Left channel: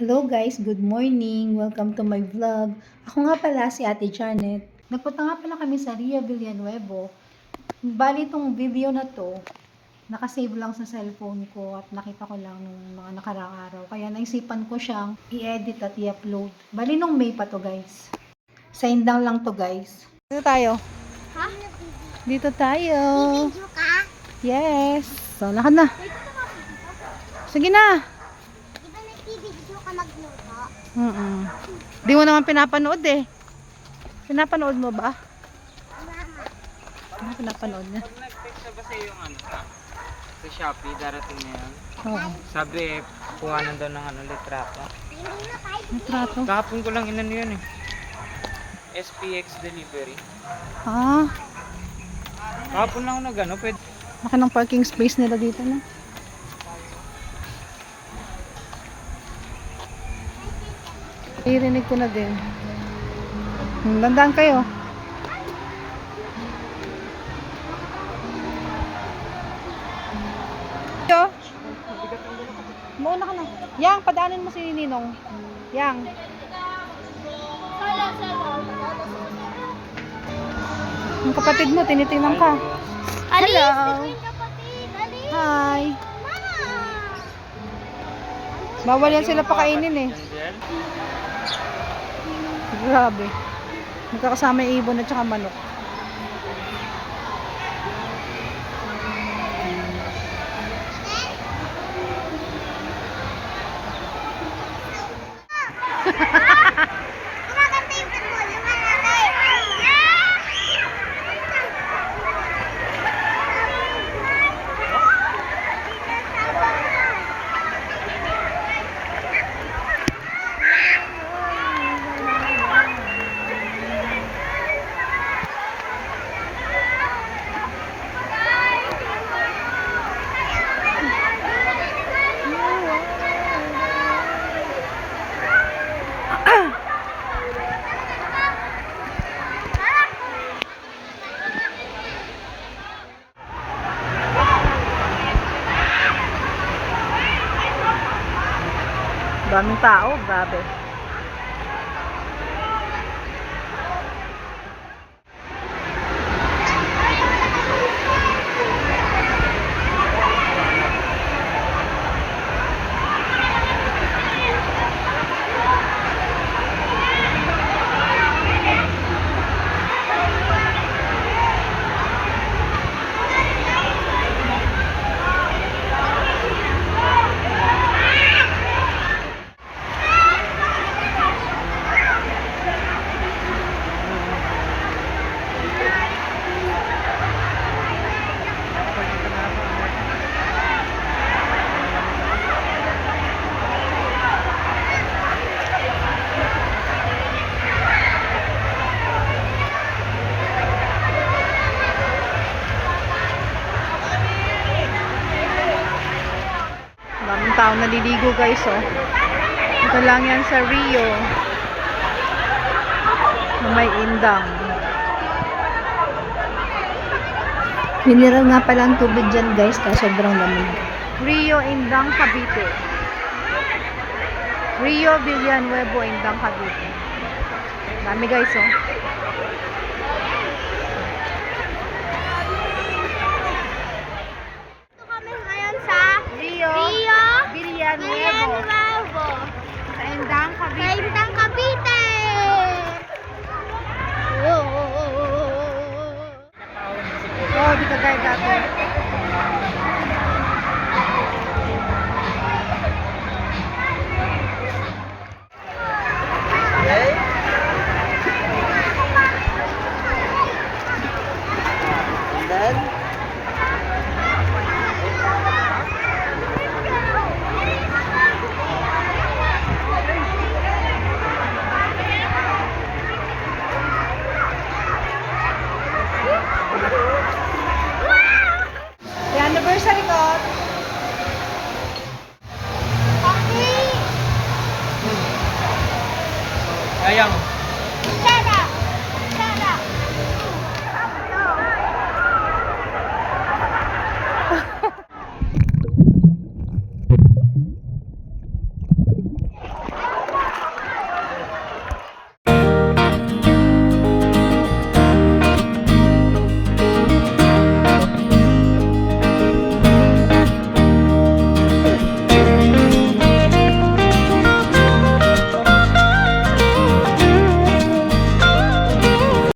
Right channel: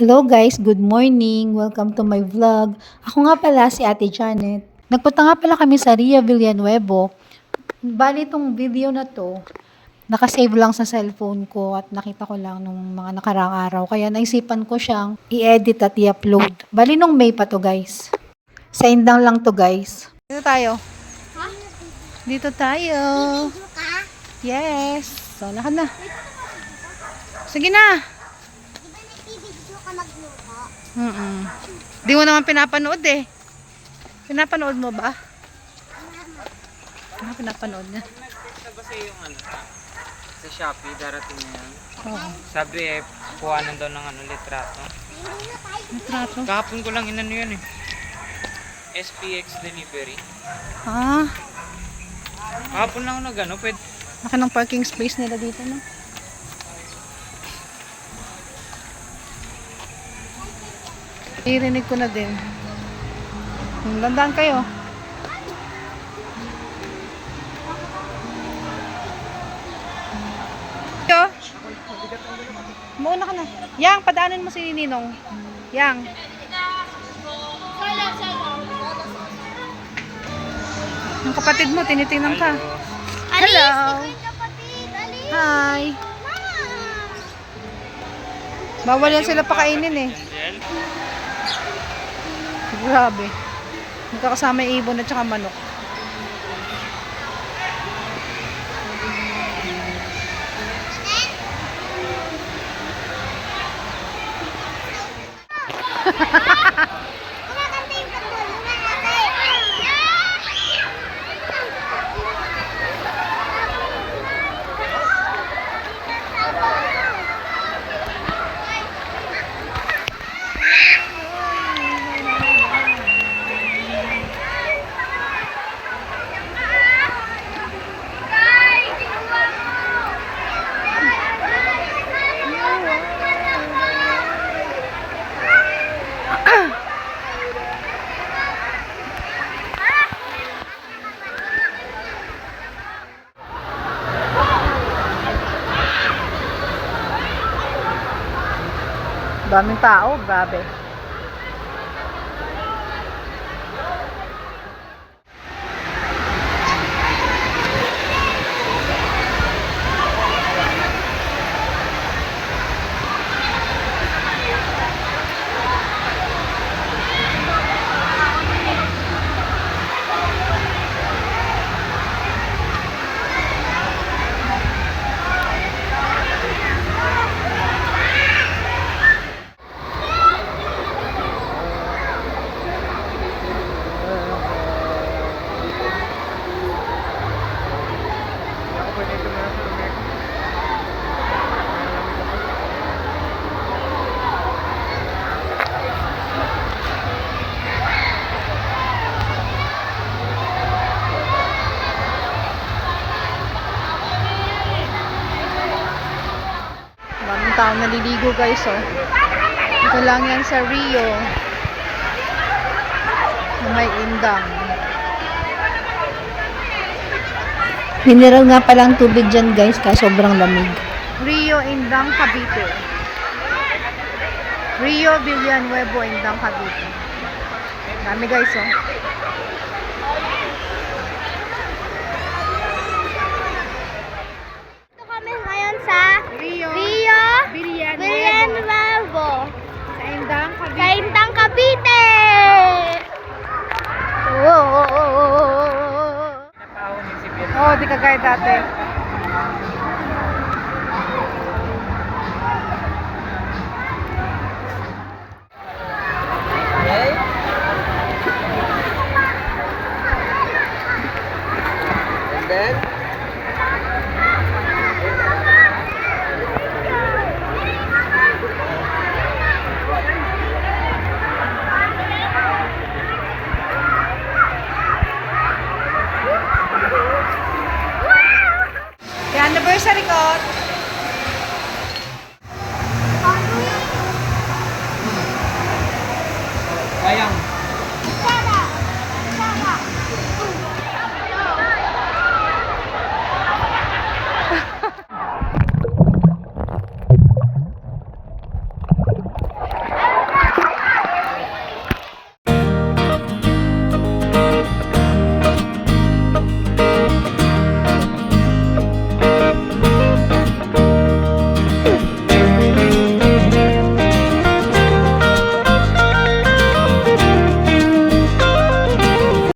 Hello guys, good morning. Welcome to my vlog. Ako nga pala si Ate Janet. Nagpunta nga pala kami sa Ria Villanueva. Bali itong video na to, nakasave lang sa cellphone ko at nakita ko lang nung mga nakarang araw. Kaya naisipan ko siyang i-edit at i-upload. Bali nung May pa to guys. Sa Indang lang to guys. Dito tayo. Ha? Dito tayo. Video ka? Yes. Sana ka na. Sige na. Di ba nagbibideo ka magluto? Di mo naman pinapanood eh. Pinapanood mo ba? Mama. Ano pinapanood niya? Nag-text na ba sa yung sa Shopee, darating na yan? Oo. Sabi kuhanan daw ng litrato. Hindi na tayo. Natrato. Kahapon ko lang inano yun eh. SPX delivery. Ah, Kahapon lang ako nagano, pwede. laki ng parking space nila dito na. Irinig ko na din. Landaan kayo. Yo. Mauna ka na. Yang, padaanin mo si Ninong. Yang. Ang kapatid mo, tinitingnan ka. Hello. Hi. Bawal yan sila pakainin eh. Angel? Grabe. Magkakasama yung ibon at saka manok. Kinakanta yung tagpo ng lalaki. Daming tao, grabe. Daming tao naliligo guys oh. Ito lang yan sa Rio. Na may indang. Mineral nga palang tubig dyan guys, kaya sobrang lamig. Rio Indang Cavite. Rio Villanueva Indang Cavite. Dami guys oh. Ito kami ngayon sa Rio Villanueva. Indang Sa Indang Cavite. Oh. Oh, di kagaya dati. Okay. And then? Yung anniversary ko. Sayang.